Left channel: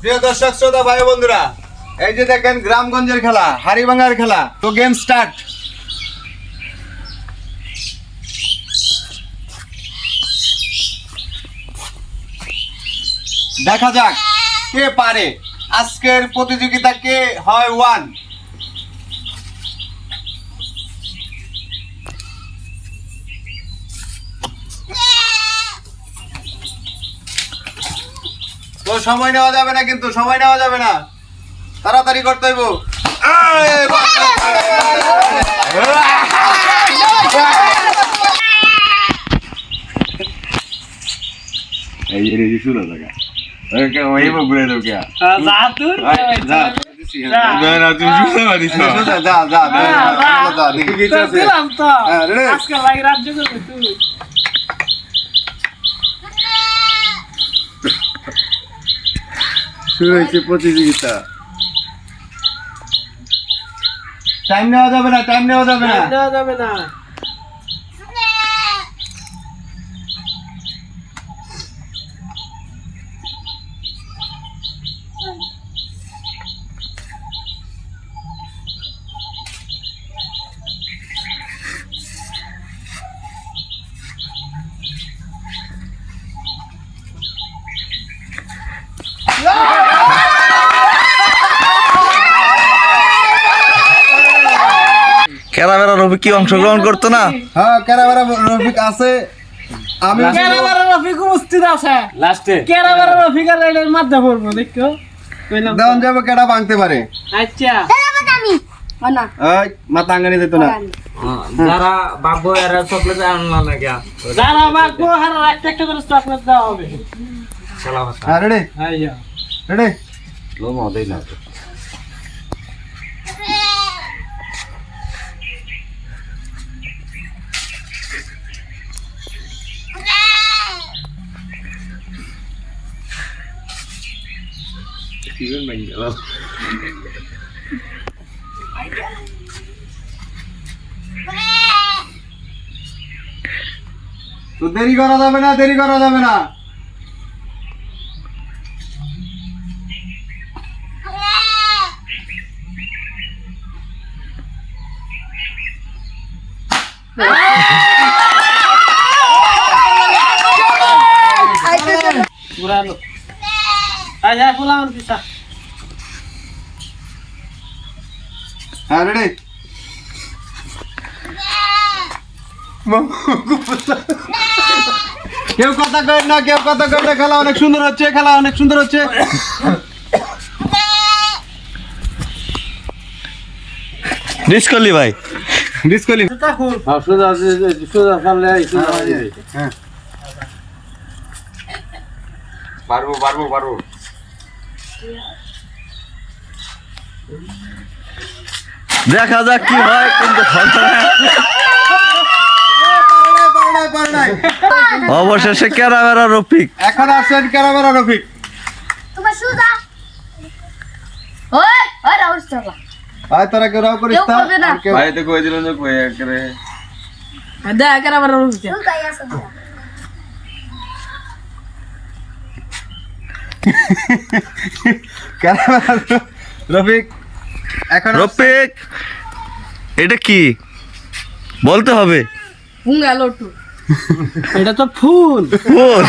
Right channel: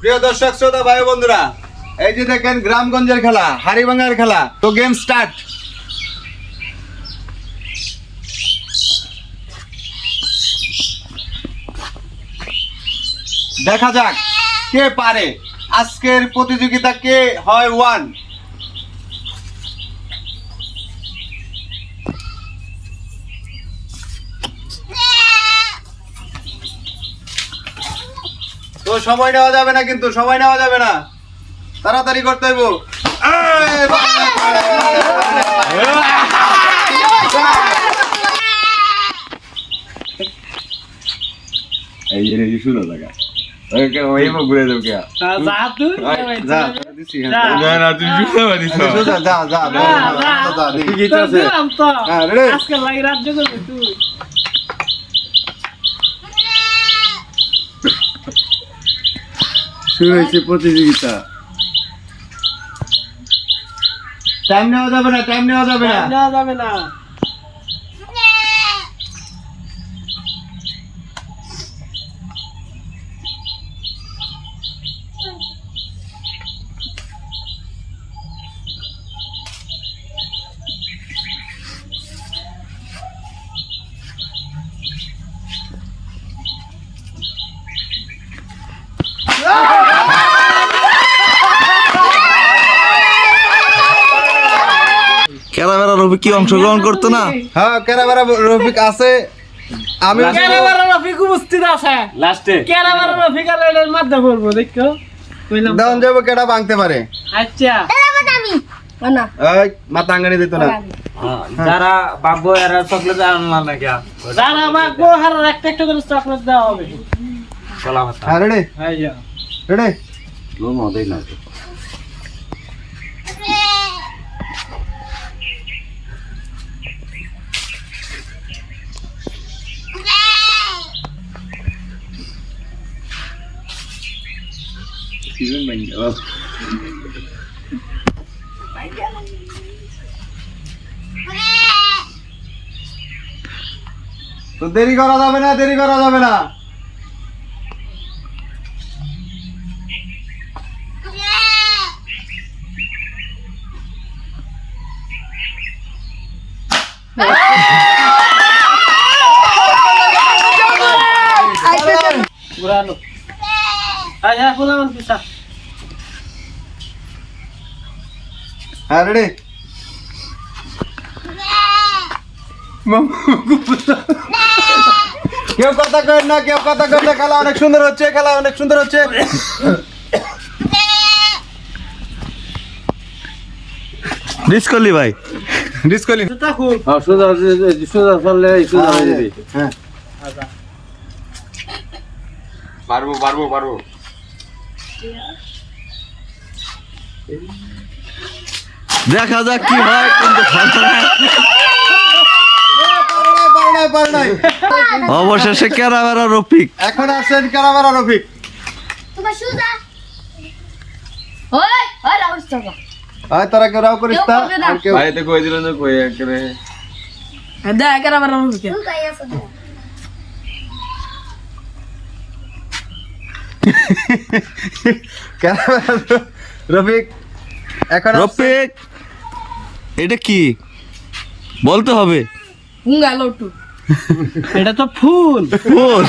প্রিয় দর্শক শ্রোতা ভাই বন্ধুরা, এই যে দেখেন গ্রামগঞ্জের খেলা, হাড়িভাঙার খেলা। তো গেম স্টার্ট। দেখা যাক কে পারে। আজকের প্রতিযোগিতা কে হয় ওয়ান। তো সময় নেওয়া যাবে না, কিন্তু সময় নেওয়া যাবে না, তাড়াতাড়ি করতে হইব। এই শুনো জায়গা ঘুরে যাও কে শুরু হয়েছে প্রতিযোগিতা। টাইম নেওয়া যাবে না, টাইম নেওয়া যাবে না, নেওয়া যাবে না। ক্যারামেরা রফিক কি অংশগ্রহণ করতো না? হ্যাঁ, ক্যারামেরা রফিক আছে। আমি ক্যারামেরা রফিক উপস্থিত আছে লাস্টে। ক্যারামেরা রফিক আর এর মধ্যে পড়বো, দেখো কইলাম দাম যাব কেডা ভাঙতে পারে। আচ্ছা আমি না এই মাথা আঙ্গানি দিত না। যারা বাবু এরা চকলেট আনলাম না কেন? যারা বাকবো আর একটা একটা করে চকলেট দেওয়া হবে। কলা ভাতা হ্যাঁ, রেডি আইয়া রেডি। লো মদেই না তো। তো দেরি করা যাবে না, দেরি করা যাবে না। পুরানো আইয়া গোলাম পিছা। হ্যাঁ, রেডি। কেউ কথা কয় না, কেউ কথা কয় না। খেলা অনেক সুন্দর হচ্ছে, খেলা অনেক সুন্দর হচ্ছে। ডিসকলি ভাই, ডিসকলি। জুতা খুল। সোজা সোজা চললে সোজা হয়ে যাবে। হ্যাঁ, পারবো পারবো পারবো। দেখা যাক কি হয়, কিন্তু হবে না। অবশেষে ক্যারামেরা রফিক। এখন আসেন ক্যারামেরা রফিক। তোমার সুজা ওই ওই রাউস চাবা আয় তারা কেউ রাও করিস না। কেউ করবে না। আর কেউ ভাইতে কই দিলেন যে কই একরে দা ক্যারামেরা রফিক। সুজাই আছে ক্যারামেরা রফিক এখন রফিক, এটা কি বলতে হবে? হুঙ্গা লটু এটা তো ফুল। ফুল।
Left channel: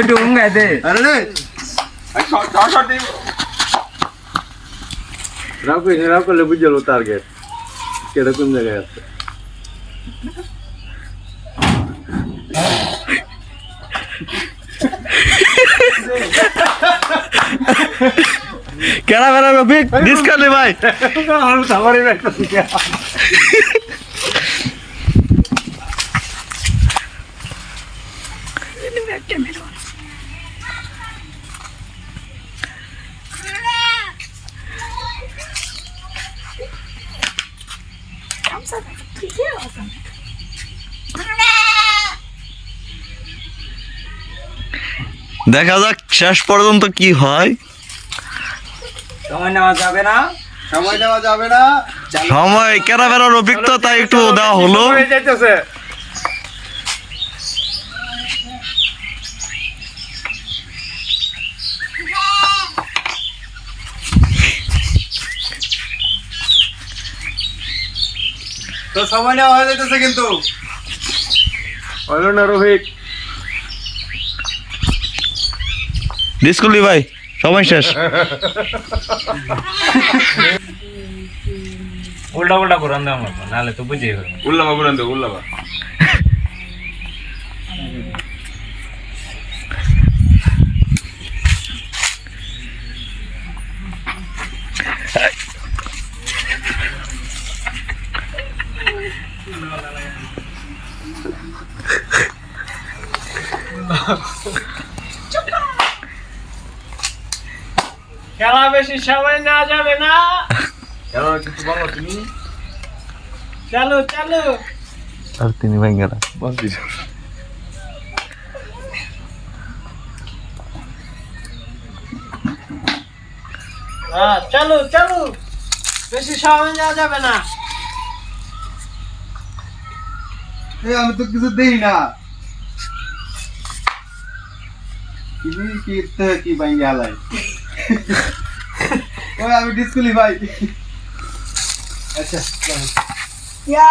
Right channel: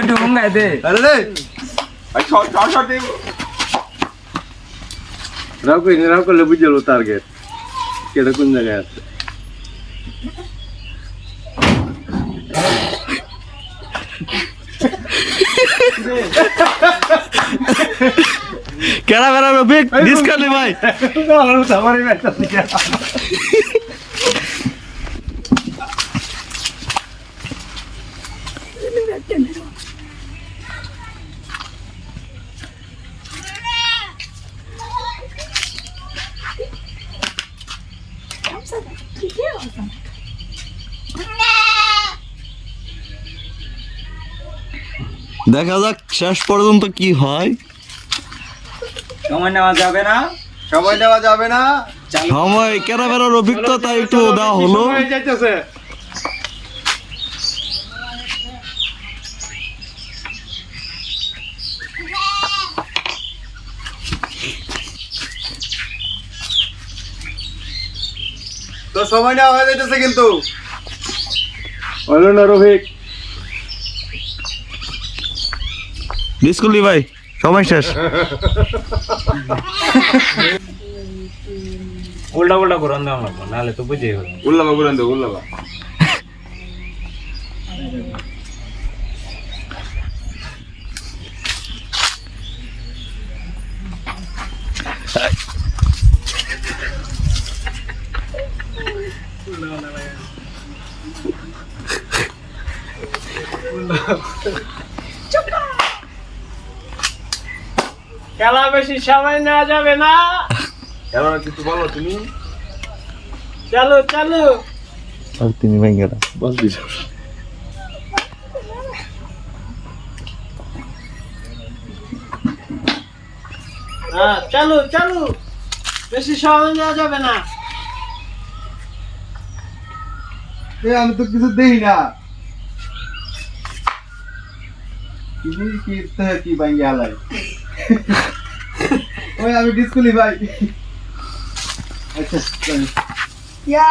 একটু উঙ্গাই দে। আরে রাও করলে বুঝল টার্গেট কেটা কোন জায়গায় আছে। ক্যারামেরা রফিক ডিসকলি ভাই। দেখা যাক শেষ পর্যন্ত কি হয়। সময় নেওয়া যাবে না, সময় দেওয়া যাবে না। সময় ক্যারামেরার অভিজ্ঞতা একটু দেওয়া হলো। হয়ে যাইতেছে। তো সময় নেওয়া হয়ে যাইতেছে কিন্তু। হলো না রফিক? ডিসকুলি ভাই সময় শেষ। উল্টা উল্টা করে দেওয়া লাগবে নাহলে তো বুঝেই হবে। উল্লাবা বুড়ান দে উল্লাবা। খেলা বেশি সময় নেওয়া যাবে না। এবার কিছু বলো তুমি। চলো চলো। আর তিনি ভাই গেল বল দিস। হ্যাঁ চলো চলো, বেশি সময় নেওয়া যাবে না। আমি তো কিছু দেই না। কি ভাঙ্গে হালাই। ওই আমি ডিসকুলি ভাই। আচ্ছা ইয়া